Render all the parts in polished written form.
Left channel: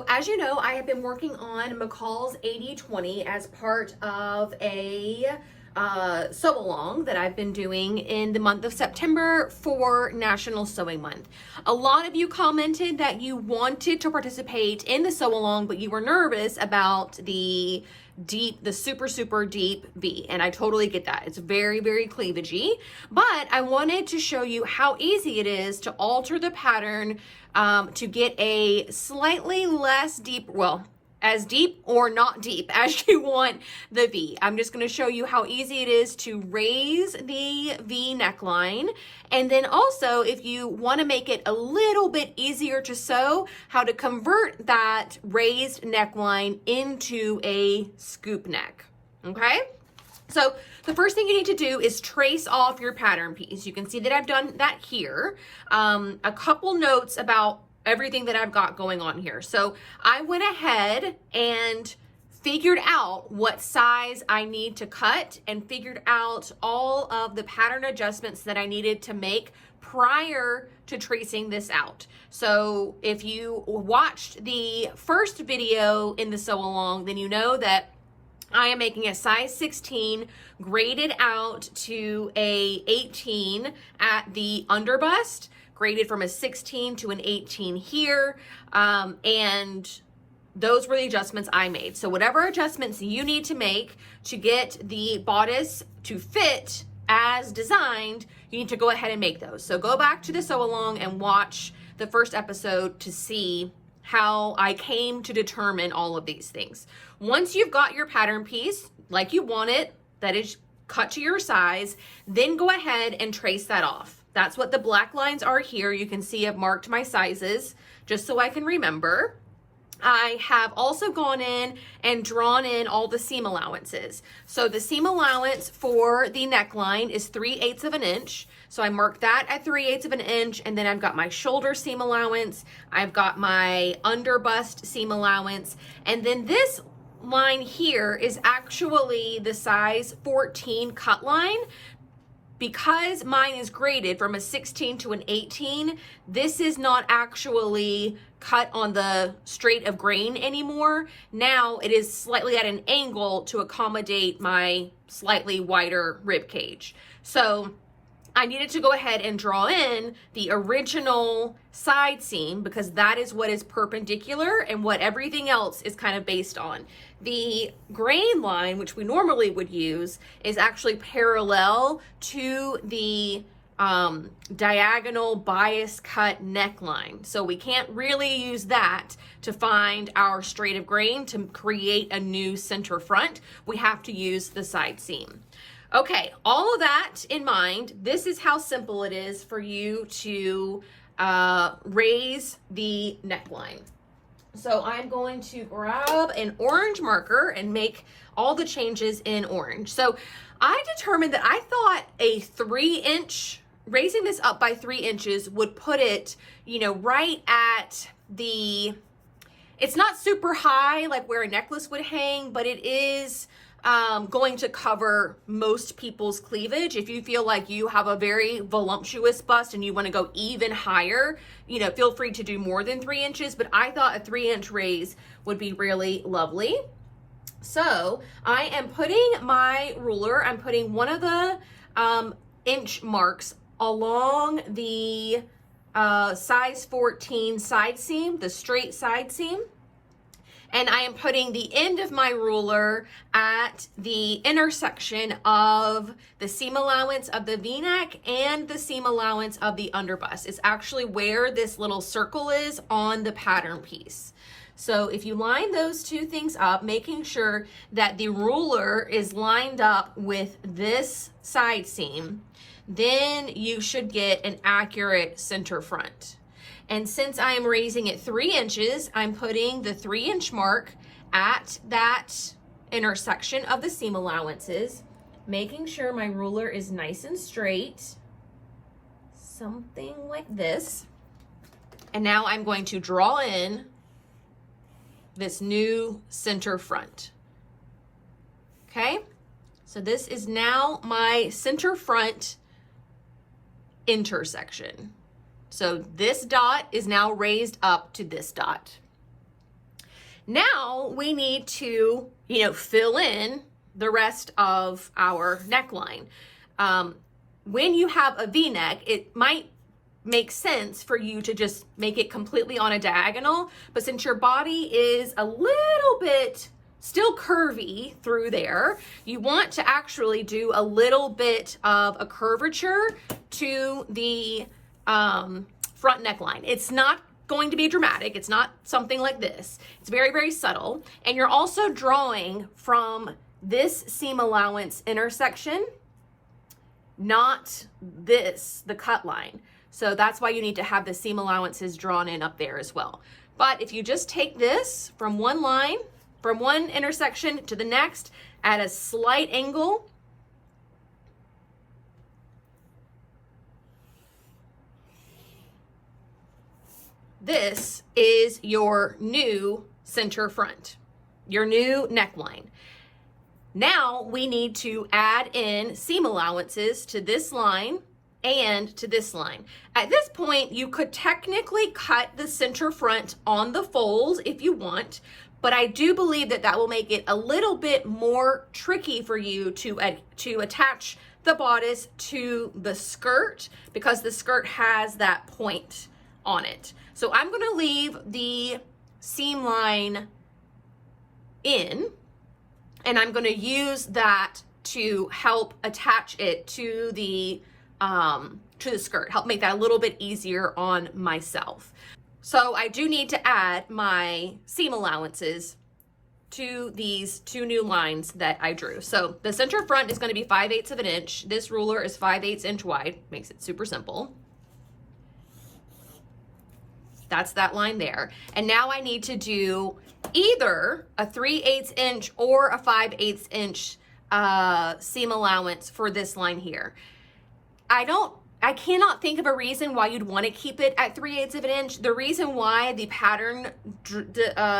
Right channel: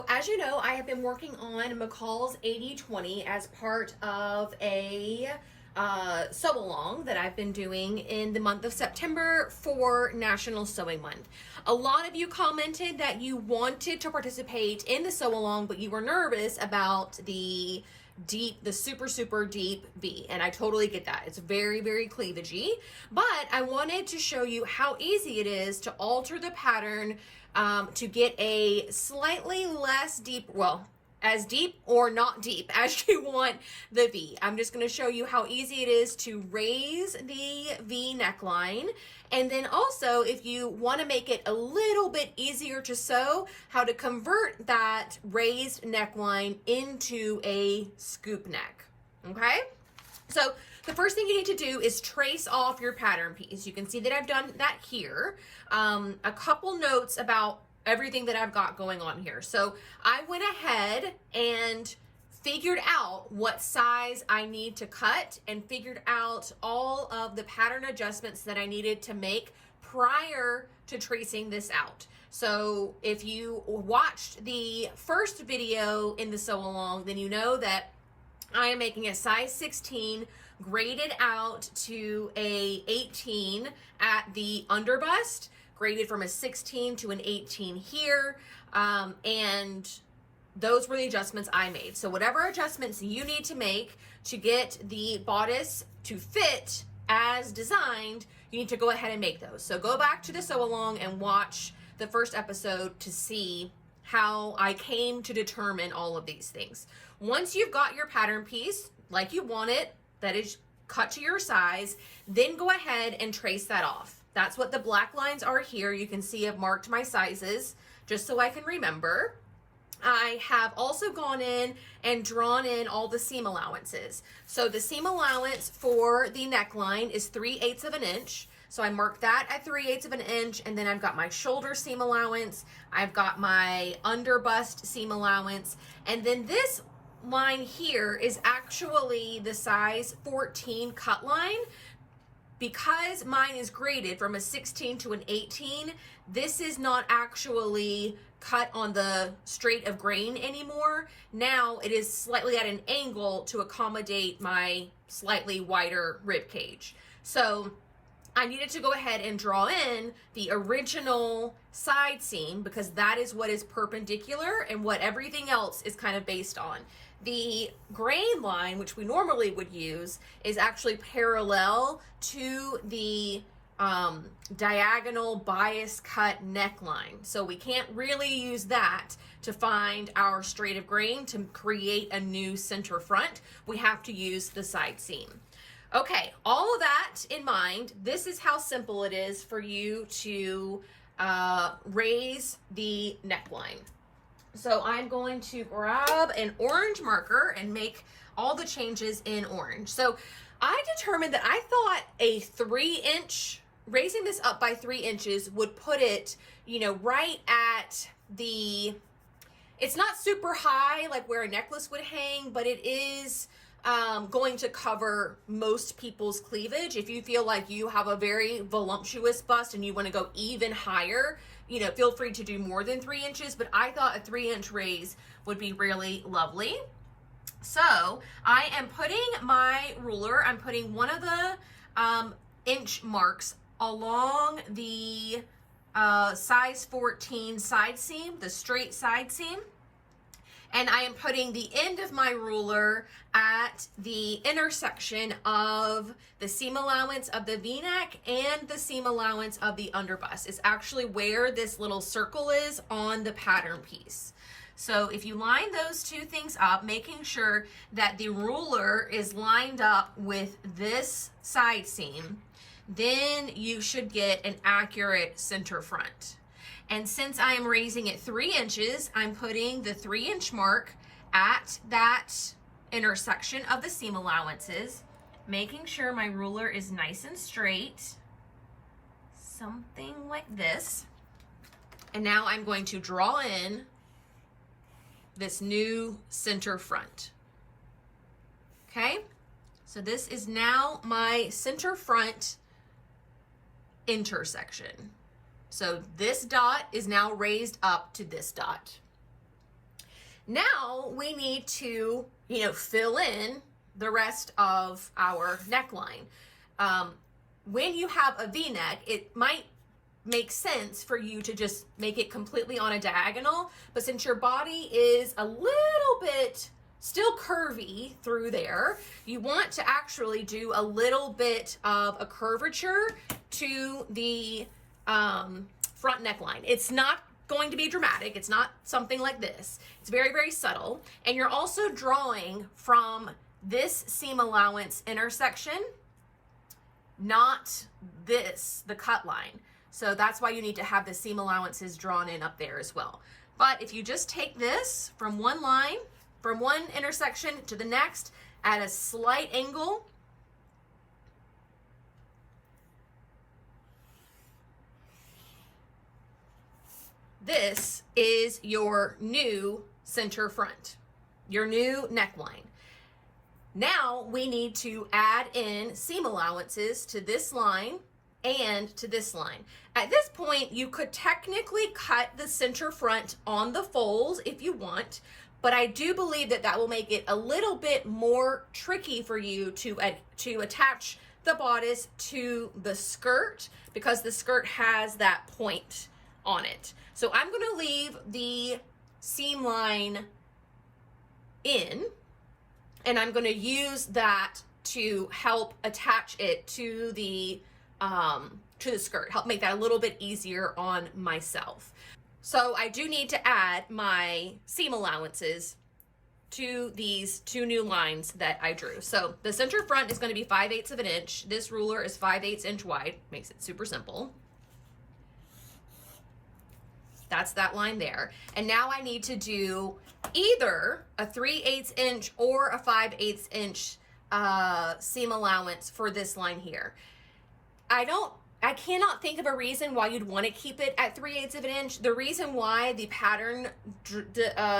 So as you know, I have been working on McCall's 80/20 as part of a sew along that I've been doing in the month of September for National Sewing Month. A lot of you commented that you wanted to participate in the sew along, but you were nervous about the super deep V, and I totally get that. It's very cleavagey, but I wanted to show you how easy it is to alter the pattern to get a slightly less deep, well, as deep or not deep as you want the V. I'm just going to show you how easy it is to raise the V neckline. And then also, if you want to make it a little bit easier to sew, how to convert that raised neckline into a scoop neck. Okay? So the first thing you need to do is trace off your pattern piece. You can see that I've done that here. A couple notes about everything that I've got going on here. So I went ahead and figured out what size I need to cut and figured out all of the pattern adjustments that I needed to make prior to tracing this out. So if you watched the first video in the sew along, then you know that I am making a size 16 graded out to a 18 at the underbust, graded from a 16 to an 18 here, and those were the adjustments I made. So whatever adjustments you need to make to get the bodice to fit as designed, you need to go ahead and make those. So go back to the sew along and watch the first episode to see how I came to determine all of these things. Once you've got your pattern piece like you want it, that is cut to your size, then go ahead and trace that off. That's what the black lines are here. You can see I've marked my sizes just so I can remember. I have also gone in and drawn in all the seam allowances. So the seam allowance for the neckline is 3/8 of an inch. So I marked that at 3/8 of an inch, and then I've got my shoulder seam allowance. I've got my underbust seam allowance, and then this line here is actually the size 14 cut line. Because mine is graded from a 16 to an 18, this is not actually cut on the straight of grain anymore. Now it is slightly at an angle to accommodate my slightly wider rib cage. So I needed to go ahead and draw in the original side seam because that is what is perpendicular and what everything else is kind of based on. The grain line, which we normally would use, is actually parallel to the diagonal bias cut neckline. So we can't really use that to find our straight of grain to create a new center front. We have to use the side seam. Okay, all of that in mind, this is how simple it is for you to raise the neckline. So I'm going to grab an orange marker and make all the changes in orange. So I determined that I thought a 3-inch, raising this up by 3 inches would put it, right at the, it's not super high like where a necklace would hang, but it is going to cover most people's cleavage. If you feel like you have a very voluptuous bust and you want to go even higher, feel free to do more than 3 inches, but I thought a 3-inch raise would be really lovely. So I am putting my ruler, I'm putting one of the inch marks along the size 14 side seam, the straight side seam. And I am putting the end of my ruler at the intersection of the seam allowance of the V-neck and the seam allowance of the underbust. It's actually where this little circle is on the pattern piece. So if you line those two things up, making sure that the ruler is lined up with this side seam, then you should get an accurate center front. And since I am raising it 3 inches, I'm putting the 3-inch mark at that intersection of the seam allowances, making sure my ruler is nice and straight, something like this. And now I'm going to draw in this new center front. Okay, so this is now my center front intersection. So this dot is now raised up to this dot. Now we need to, fill in the rest of our neckline. When you have a V-neck, it might make sense for you to just make it completely on a diagonal, but since your body is a little bit still curvy through there, you want to actually do a little bit of a curvature to the front neckline. It's not going to be dramatic. It's not something like this. It's very, very subtle. And you're also drawing from this seam allowance intersection, not this, the cut line. So that's why you need to have the seam allowances drawn in up there as well. But if you just take this from one line, from one intersection to the next at a slight angle, this is your new center front, your new neckline. Now we need to add in seam allowances to this line and to this line. At this point, you could technically cut the center front on the folds if you want, but I do believe that that will make it a little bit more tricky for you to attach the bodice to the skirt, because the skirt has that point on it. So I'm going to leave the seam line in, and I'm going to use that to help attach it to the skirt, help make that a little bit easier on myself. So I do need to add my seam allowances to these two new lines that I drew. So the center front is going to be 5/8 of an inch. This ruler is 5/8 inch wide, makes it super simple. That's that line there. And now I need to do either a 3/8 inch or a 5/8 inch seam allowance for this line here. I cannot think of a reason why you'd want to keep it at 3/8 of an inch. The reason why the pattern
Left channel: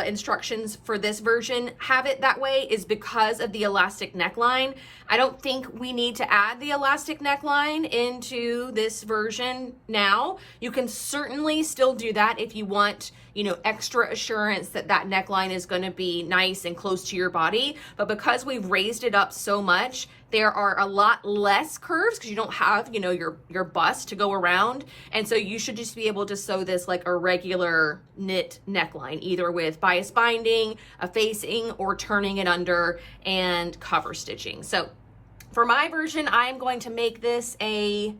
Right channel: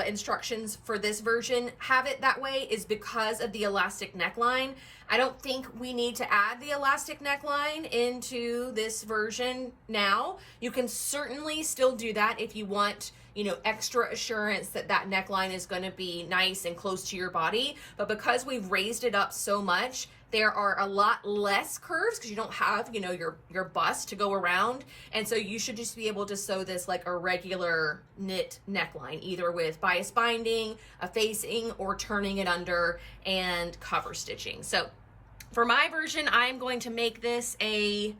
instructions for this version have it that way is because of the elastic neckline. I don't think we need to add the elastic neckline into this version now. You can certainly still do that if you want, extra assurance that that neckline is going to be nice and close to your body. But because we've raised it up so much, there are a lot less curves because you don't have, your bust to go around. And so you should just be able to sew this like a regular knit neckline, either with bias binding, a facing, or turning it under and cover stitching. So for my version, I'm going to make this a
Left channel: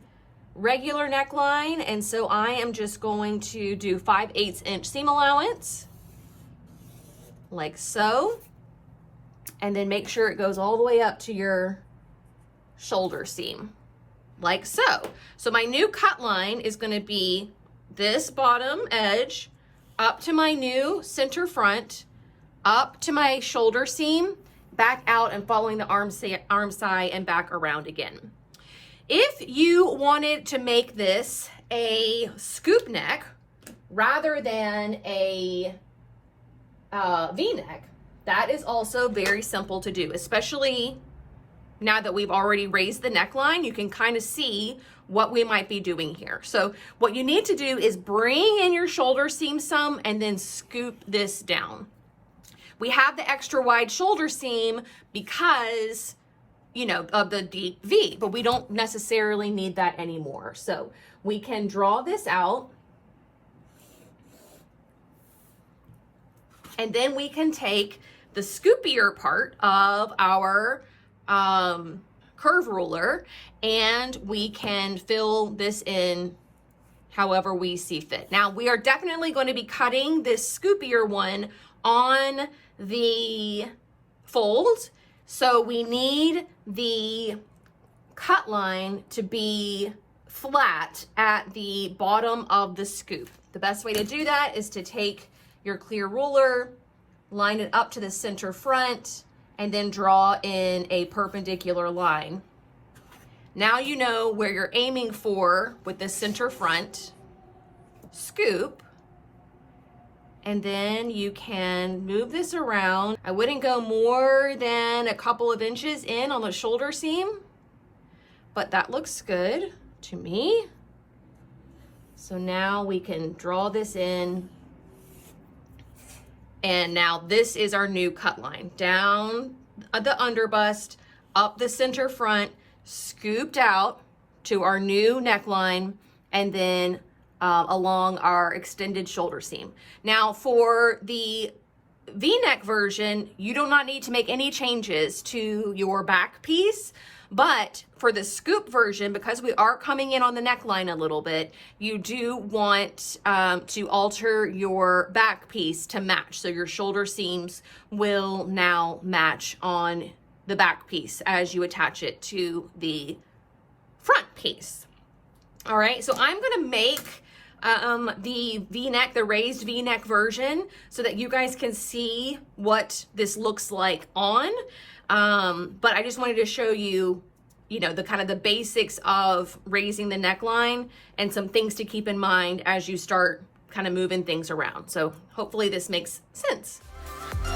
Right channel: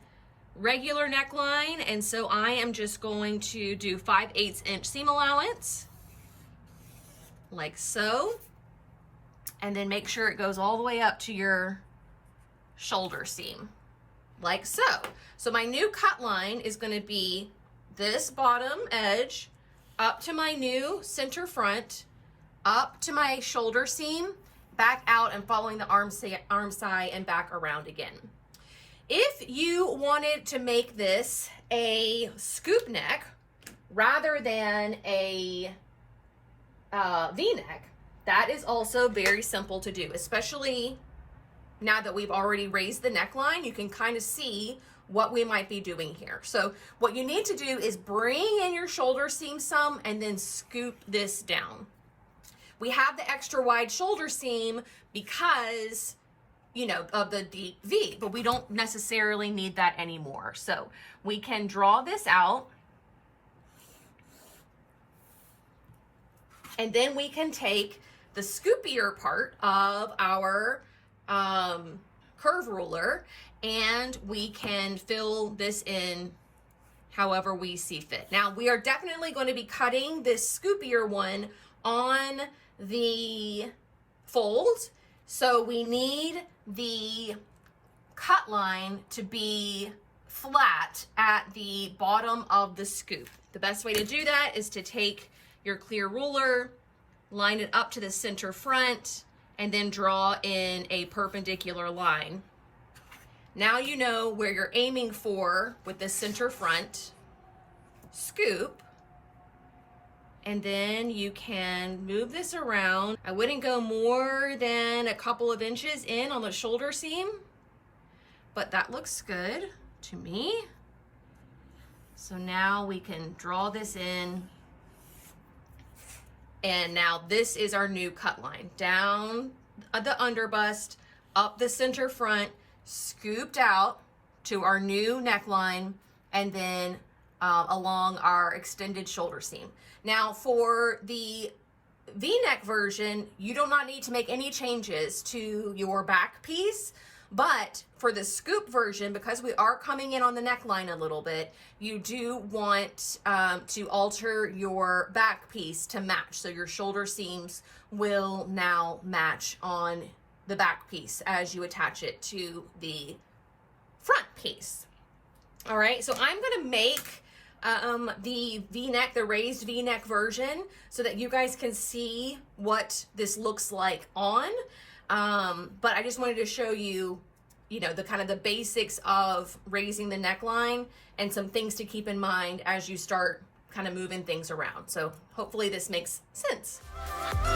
regular neckline. And so I am just going to do 5/8 inch seam allowance, like so. And then make sure it goes all the way up to your shoulder seam, like so. So my new cut line is going to be this bottom edge up to my new center front, up to my shoulder seam, back out and following the arm side and back around again. If you wanted to make this a scoop neck rather than a V-neck, that is also very simple to do, especially now that we've already raised the neckline. You can kind of see what we might be doing here. So what you need to do is bring in your shoulder seam some and then scoop this down. We have the extra wide shoulder seam because, of the deep V, but we don't necessarily need that anymore. So we can draw this out, and then we can take the scoopier part of our curve ruler, and we can fill this in however we see fit. Now we are definitely going to be cutting this scoopier one on the fold, so we need the cut line to be flat at the bottom of the scoop. The best way to do that is to take your clear ruler, line it up to the center front, and then draw in a perpendicular line. Now you know where you're aiming for with the center front scoop, and then you can move this around. I wouldn't go more than a couple of inches in on the shoulder seam, but that looks good to me. So now we can draw this in And now this is our new cut line. Down the under bust, up the center front, scooped out to our new neckline, and then along our extended shoulder seam. Now for the V-neck version, you do not need to make any changes to your back piece, but for the scoop version, because we are coming in on the neckline a little bit, you do want to alter your back piece to match. So your shoulder seams will now match on the back piece as you attach it to the front piece. All right, so I'm gonna make the V-neck, the raised V-neck version, so that you guys can see what this looks like on. But I just wanted to show you, you know, the kind of the basics of raising the neckline and some things to keep in mind as you start kind of moving things around. So hopefully this makes sense.